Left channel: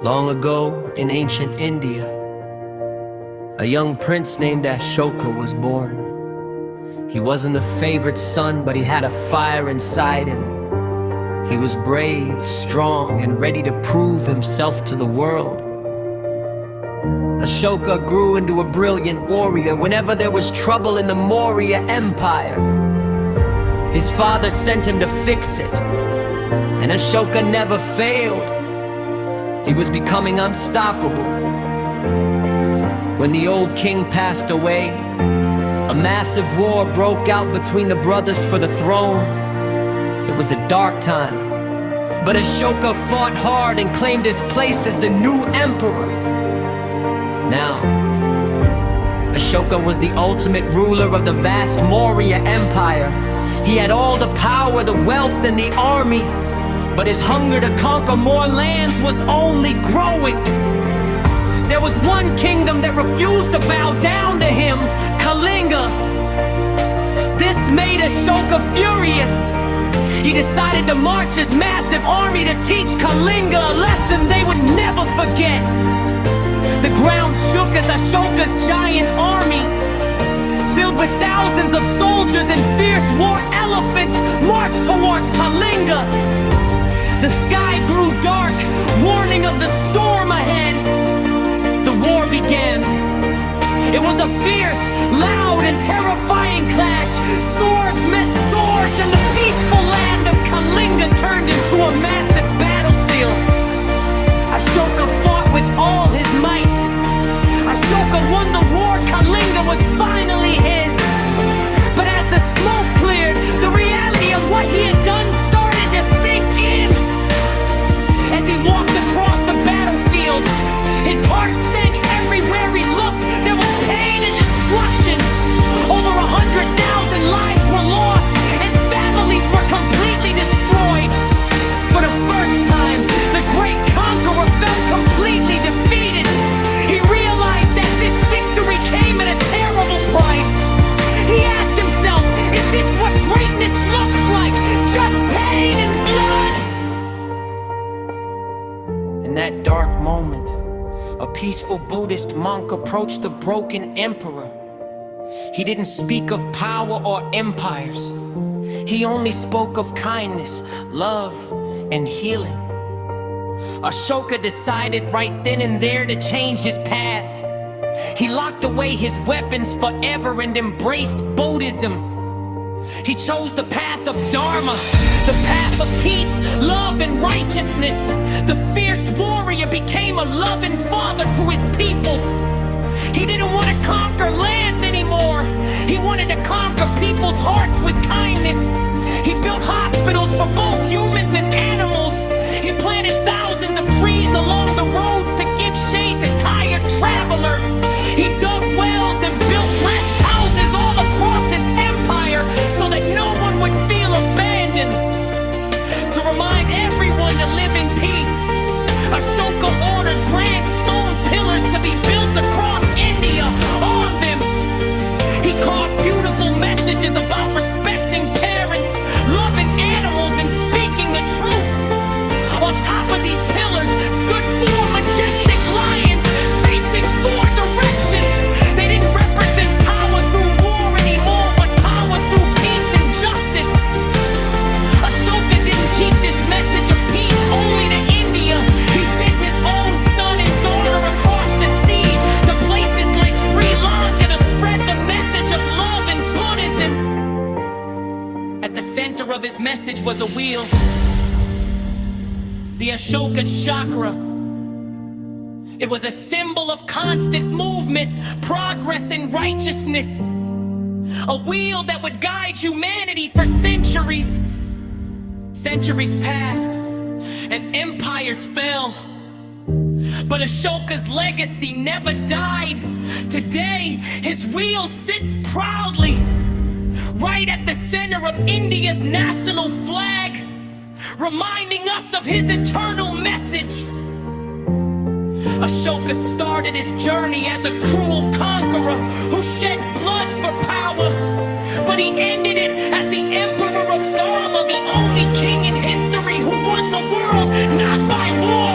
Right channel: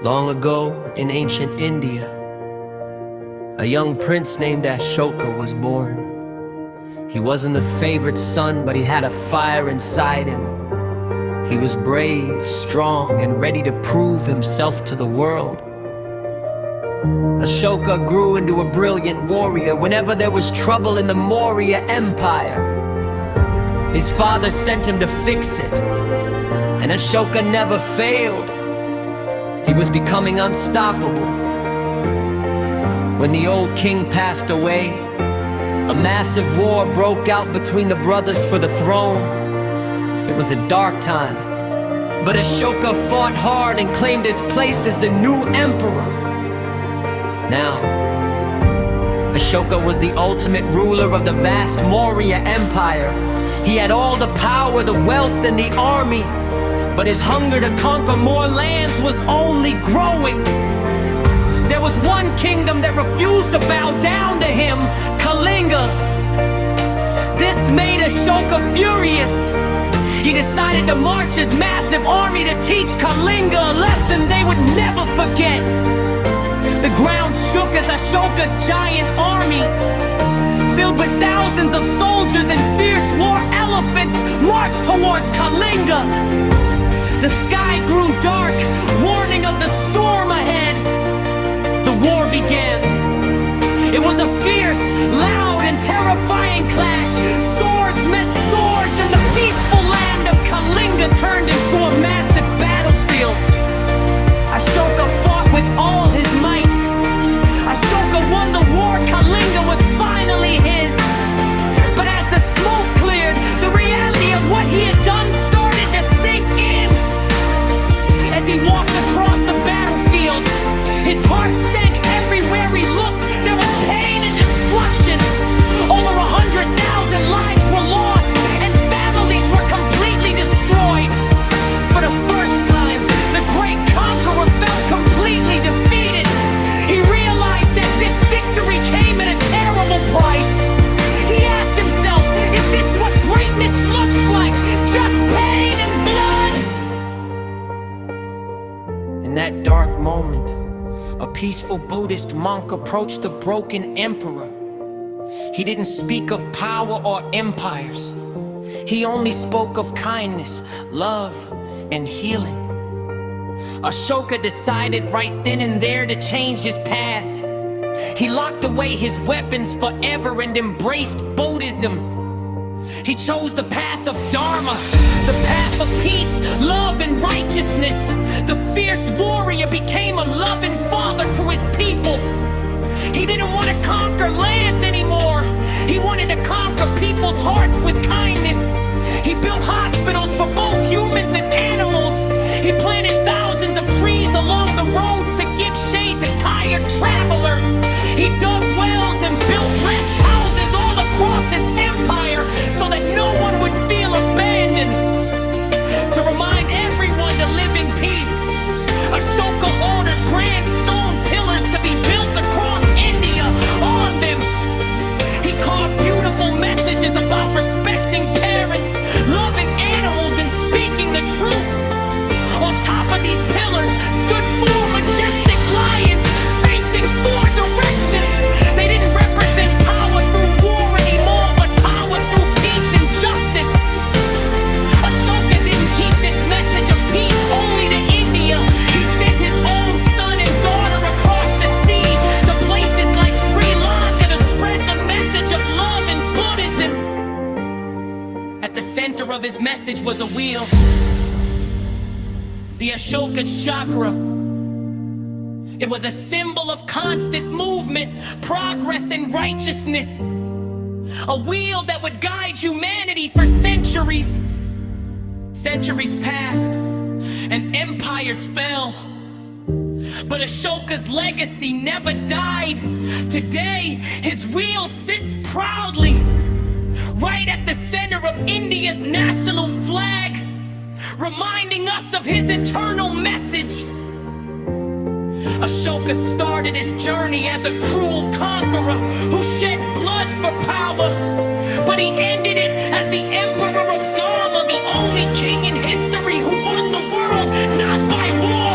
Long ago, in ancient India, a young prince named Ashoka was born. He wasn't a favored son, but he had a fire inside him. He was brave, strong, and ready to prove himself to the world. Ashoka grew into a brilliant warrior whenever there was trouble in the Maurya Empire. His father sent him to fix it, and Ashoka never failed. He was becoming unstoppable. When the old king passed away, a massive war broke out between the brothers for the throne. It was a dark time, but Ashoka fought hard and claimed his place as the new emperor. Now, Ashoka was the ultimate ruler of the vast Maurya Empire. He had all the power, the wealth, and the army, but his hunger to conquer more lands was only growing. There was one kingdom that refused to bow down to him, Kalinga. This made Ashoka furious. He decided to march his massive army to teach Kalinga a lesson they would never forget. The ground shook as Ashoka's giant army, filled with thousands of soldiers and fierce war elephants, marched towards Kalinga. The sky grew dark, warning of the storm ahead. The war began. It was a fierce, loud, and terrifying clash. Swords met swords, and the peaceful land of Kalinga turned into a massive battlefield. Ashoka fought with all his might. Ashoka won the war. Kalinga was finally his. But as the smoke cleared, the reality of what he had done started to sink in. As he walked across the battlefield, his heart sank everywhere he looked. There was pain and destruction. Over 100,000 lives were lost, and families were completely destroyed. For the first time, the great conqueror felt completely defeated. He realized that this victory came at a terrible price. He asked himself, is this what greatness looks like? Just pain and blood? In that dark moment, a peaceful Buddhist monk approached the broken emperor. He didn't speak of power or empires. He only spoke of kindness, love, and healing. Ashoka decided right then and there to change his path. He locked away his weapons forever and embraced Buddhism. He chose the path of Dharma, the path of peace, love, and righteousness. The fierce warrior became a loving father to his people. He didn't want to conquer lands anymore. He wanted to conquer people's hearts with kindness. He built hospitals for both humans and animals. He planted thousands of trees along the roads to give shade to tired travelers. He dug wells and built rest houses all across his empire so that no one would feel abandoned. To remind everyone to live in peace, Ashoka ordered grand stone pillars to be built across India. On them, he carved beautiful messages about respecting parents, loving animals, and speaking the truth. On top of these pillars stood four majestic lions facing four directions. They didn't represent power through war anymore, but power through peace and justice. Ashoka didn't keep this message of peace only to India. He sent his own son and daughter across the seas to places like Sri Lanka to spread the message of love and Buddhism. At the center of his message was a wheel, the Ashoka chakra. It was a symbol of constant movement, progress, and righteousness. A wheel that would guide humanity for centuries. Centuries passed, and empires fell. But Ashoka's legacy never died. Today, his wheel sits proudly, right at the center of India's national flag, reminding us of his eternal message. Ashoka started his journey as a cruel conqueror who shed blood for power, but he ended it as the emperor of Dharma, the only king in history who won the world not by war